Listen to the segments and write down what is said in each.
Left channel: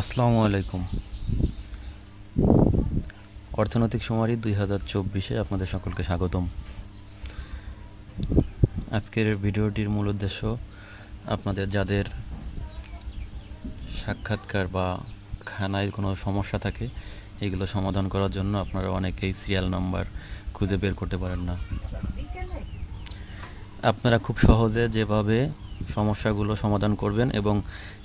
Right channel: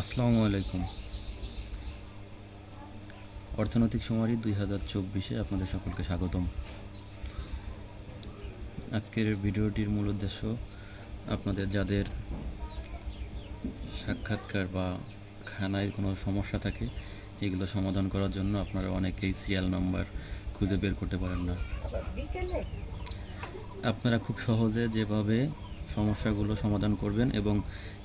আসসালামু আলাইকুম। অর্থনৈতিক শুমারি 2024-এ আপনাদের সকলকে স্বাগতম। আজকের ভিডিওটির মূল উদ্দেশ্য আপনাদের যাদের সাক্ষাৎকার বা খানায় কোনো সমস্যা থাকে এগুলো সমাধান করার জন্য আপনারা অনেকেই সিরিয়াল নাম্বার খুঁজে বের করতে পারেন না। আপনারা খুব সহজে যেভাবে সমস্যাগুলো সমাধান করবেন এবং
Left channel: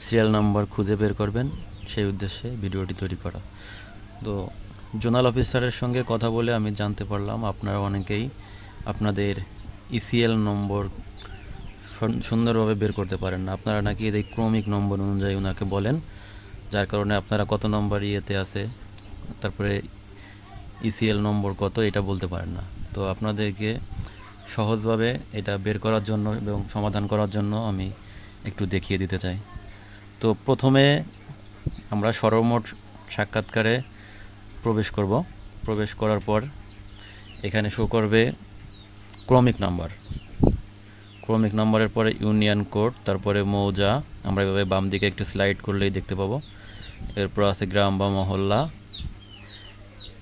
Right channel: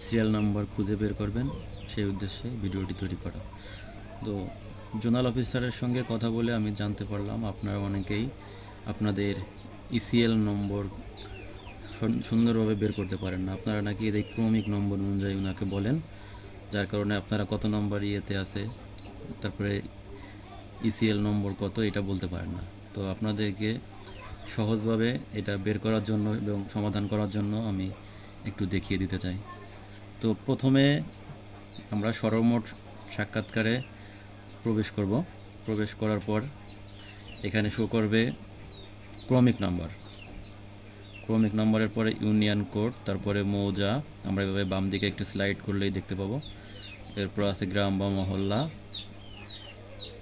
সিরিয়াল নাম্বার খুঁজে বের করবেন সেই উদ্দেশ্যে ভিডিওটি তৈরি করা। তো জোনাল অফিসারের সঙ্গে কথা বলে আমি জানতে পারলাম আপনারা অনেকেই আপনাদের ইসিএল নম্বর সুন্দরভাবে বের করতে পারেন না। আপনারা নাকি এই ক্রমিক নম্বর অনুযায়ী ওনাকে বলেন, যার কারণে আপনারা কত নম্বর ইয়েতে আছে, তারপরে ইসিএল নম্বর কত এটা বলতে পারেন না। তো আপনাদেরকে সহজভাবে এটা বের করার জন্য এবং সমাধান করার জন্য আমি একটু দেখিয়ে দিতে চাই। তো প্রথমে আমরা সর্বমোট সাক্ষাৎকারে প্রবেশ করার পর এখানে শো করবে ক্রমিক নাম্বারের পরে ইউনিয়ন কোড, তারপরে মৌজা। আমরা এভাবে বাম দিকে একটু স্লাইড করলেই দেখতে পাবো। এরপর আছে গ্রাম বা মহল্লা।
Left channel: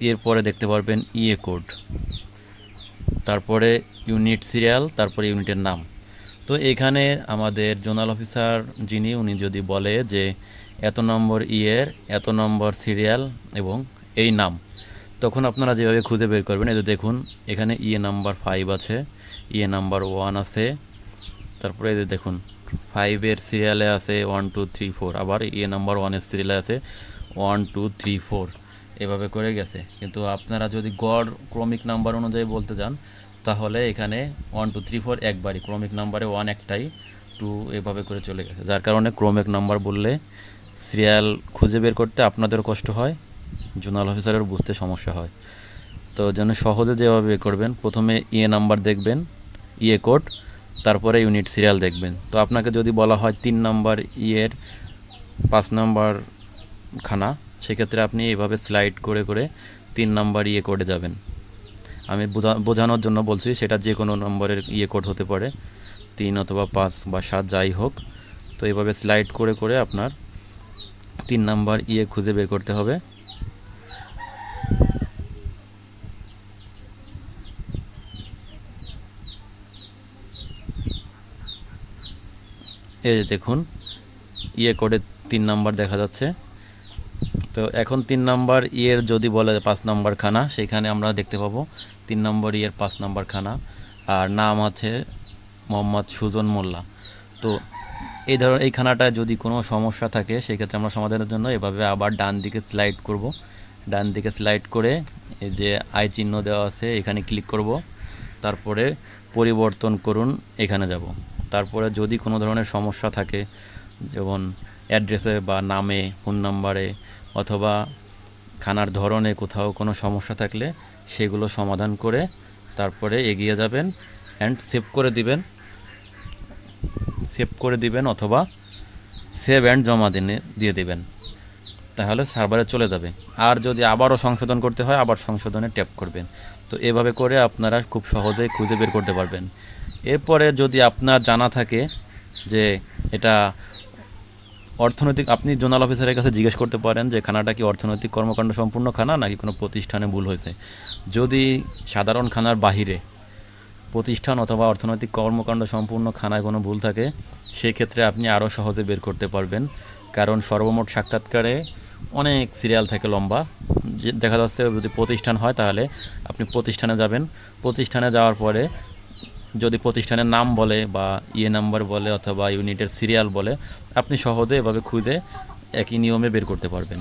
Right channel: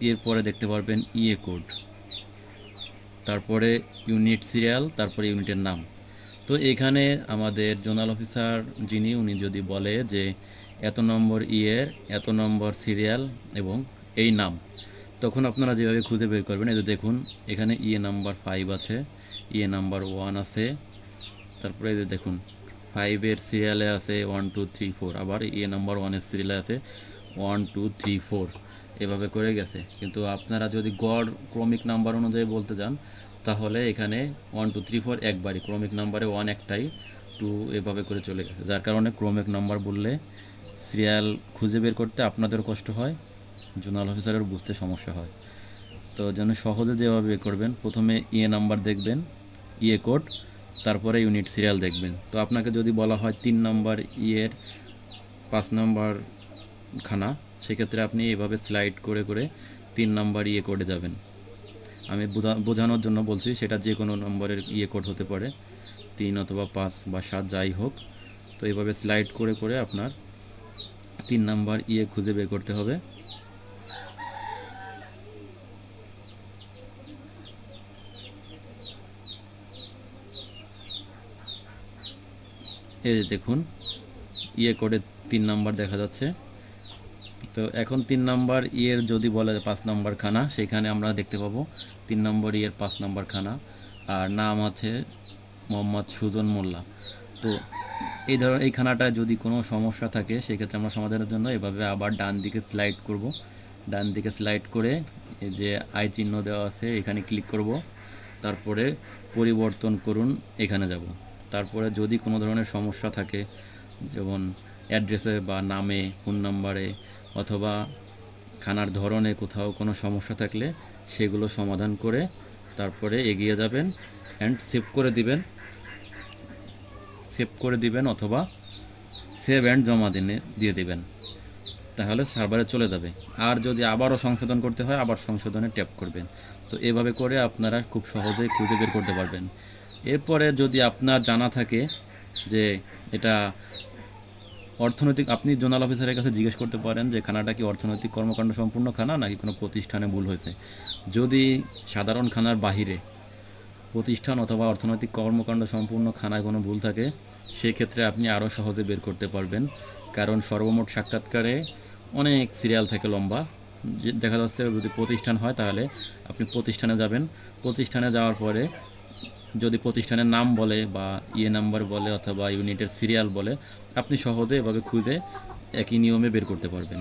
এরপরে দেখতে পারবেন ইএ কোড, তারপরে ইউনিট সিরিয়াল, তারপরে ইউনিটের নাম। তো এখানে আমাদের জোনাল অফিসার উনি যদি বলে যে এত নম্বর ইয়ের এত নম্বর সিরিয়াল এবং এই নাম, তখন আপনারা যেভাবে খুঁজে বের করবেন, এই যে দেখুন এখানে ইয়ে নাম্বার 5 আছে, ইয়ে নাম্বার 1 আছে, তারপরে এই যে দেখুন 5-এর সিরিয়ালে আছে 1 2 3 4, আবার ইয়ে নাম্বার 1-এর সিরিয়ালে আছে 1 2 3 4, এভাবে করে গেছে। কিন্তু আপনারা যদি গড় ক্রমিক নাম্বার অনুযায়ী বলতে যান তাহলে এখানে 1 2 3 4 একবারই, ক্রমিক নাম্বারে 1 একটাই, 2 এভাবে করে চলে গেছে। যার কারণে ক্রমিক নাম্বার বললে সিরিয়াল খুঁজে বের করতে আপনাদের কষ্ট হয়, জোনাল অফিসারের বুঝতে সমস্যা হয়। তো যেন সহজে যেভাবে বের করবেন, প্রথমে ইয়ে নাম্বার দেখবেন, ইয়ে কোড, তারপরে ইউনিট সিরিয়াল দেখবেন। তো আপনাকে যদি বলা হয় 3 নাম্বার ইয়ের 5 নাম্বার খানা, সেক্ষেত্রে আপনি এভাবে স্লাইড করে করে 3 নাম্বার ইয়ে কোডে যাবেন। আমি বোঝানোর জন্য বলছি, সেটা যে কোনো নম্বরের ইয়ে কোড হতে পারে, 3 অথবা 5 বা 7 যাই হোক। তো এইভাবে স্লাইড করে করে আপনার 3 নাম্বার ইয়ে খুঁজে বের করতে হবে। এই যে দেখুন ইয়ে কোডে 3 নাম্বার দেখা যাচ্ছে। তো এখন 3 নাম্বার ইয়ের যদি বলে 5 নাম্বার খানা, সেখানে আমরা দেখতে পাবো 3 নম্বর ইয়ের 5 নাম্বার খানা, আর নাম আছে মোহাম্মদ সুজন মোল্লা। তো এই খানাটায় যদি কোনো সমস্যা থাকে সেক্ষেত্রে আমরা সমাধানের জন্য এভাবে আবার ডান দিকে স্লাইড করব। ডান দিকে স্লাইড করে এই যে আই চিহ্ন দেওয়া আছে এখানে ক্লিক করব, তারপরে পরিবর্তন করুন এখানে যাব। তারপরে যদি কোনো ধরনের সমস্যা থাকে, যেমন অ্যাড্রেসে বা নামে, ফোন নাম্বারে অথবা খানার ধরনে কোথাও কোনো সমস্যা থাকলে সেগুলো সমাধান করে তারপরে এগিয়ে যাবেন অ্যান্ড সেভ করে দিবেন অথবা সেভ অ্যান্ড জমা দিয়ে দেবেন, তাহলে সার্ভারে চলে যাবে। আর যদি আবারও সংশোধন করতে হয় আবার সংশোধনে ট্যাপ করবেন। তো এভাবে করে আপনারা খুব সহজেই খুঁজে বের করতে পারবেন। এরপরে যদি আপনার জানা থাকে যে এটা অর্থনৈতিক, আপনি জোনাল অফিসারের কাছে জিজ্ঞেস করতে পারেন যে খানাটা কি অর্থনৈতিক কর্মকাণ্ড সম্পূর্ণ খানা নাকি কোনো প্রতিষ্ঠানে ভুল হয়েছে। যদি সাধারণ খানার বাহিরে প্রতিষ্ঠান অথবা অর্থনৈতিক কর্মকাণ্ড সম্পূর্ণ খানায় কোনো ভুল থাকে, সেক্ষেত্রে আপনি আরও সহজে বের করতে পারবেন, কারণ সর্বমোট সাক্ষাৎকারে অনেক সিরিয়াল থাকে লম্বা। যে দেখা যাচ্ছে যদি প্রতিষ্ঠান হয় তাহলে আপনি প্রতিষ্ঠানে যাবেন, প্রতিষ্ঠানে যাওয়ার পরে যদি প্রতিষ্ঠানের নাম বলে বা ইয়ে নাম্বার বলে অথবা ইউনিটের সিরিয়াল বলে, আপনি সহজে এভাবে খুঁজে একই নিয়মে বের করতে পারবেন।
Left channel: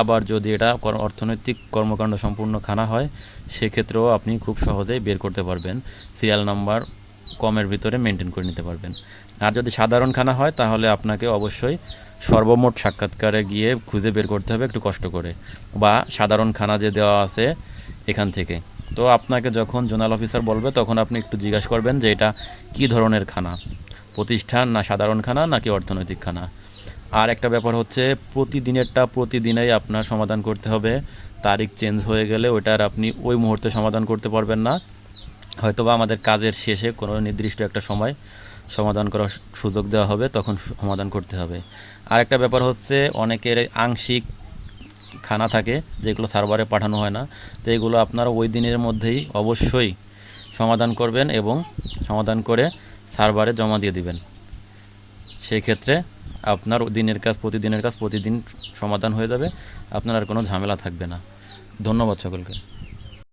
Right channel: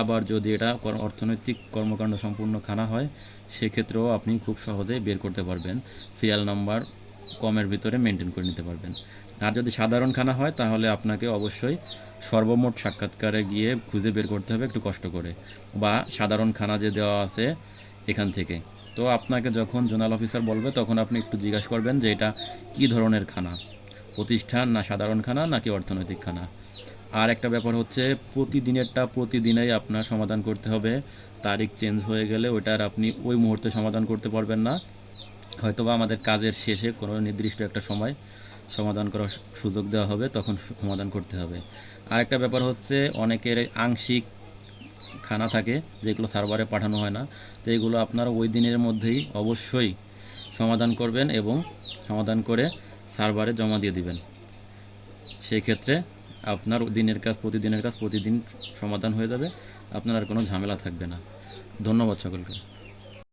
আবার যদি এটা অর্থনৈতিক কর্মকাণ্ড সম্পূর্ণ খানা হয় সেক্ষেত্রেও আপনি খুব সহজেই বের করতে পারবেন, সিরিয়াল নাম্বার কমের ভিতরে মেনটেন করে নিতে পারবেন। আর যদি সাধারণ খানা হয় তাহলে আপনাকে অবশ্যই সর্বমোট সাক্ষাৎকারে গিয়ে খুঁজে বের করতে হবে একটু কষ্ট করে, বা সাধারণ খানা যে দেওয়া আছে এখান থেকে। তো আপনাকে যখন জোনাল অফিসার বলবে তখন আপনি একটু জিজ্ঞাসা করবেন যে এটা কী ধরনের খানা, প্রতিষ্ঠান না সাধারণ খানা নাকি অর্থনৈতিক খানা। আর একটা ব্যাপার হচ্ছে প্রতিদিনেরটা প্রতিদিনেই আপনার সমাধান করতে হবে। তারিখ চেঞ্জ হয়ে গেলে ওইটার আপনি ওই মুহূর্তে সমাধান করতে পারবেন না, হয়তোবা আমাদের কাজের শেষে কোনো নির্দিষ্ট একটা সময় সমাধান করার সুযোগ দেওয়া হবে, তখন সমাধান করতে হবে। আরেকটা ব্যাপার হচ্ছে অনেকের আংশিক খানা থাকে যেগুলো সার্ভারে পাঠানো হয় না, তো এগুলো আপনারা ওই দিনের মধ্যেই অবশ্যই সমাধান করবেন এবং সমাধান করে সার্ভারে জমা দিয়ে দিবেন। সেই ক্ষেত্রে আপনার দিনের কাজ প্রতিদিনের কাজ প্রতিদিন সমাধান হয়ে যাবে, আপনার আর কোনো ঝামেলা থাকবে না। ধন্যবাদ সকলকে।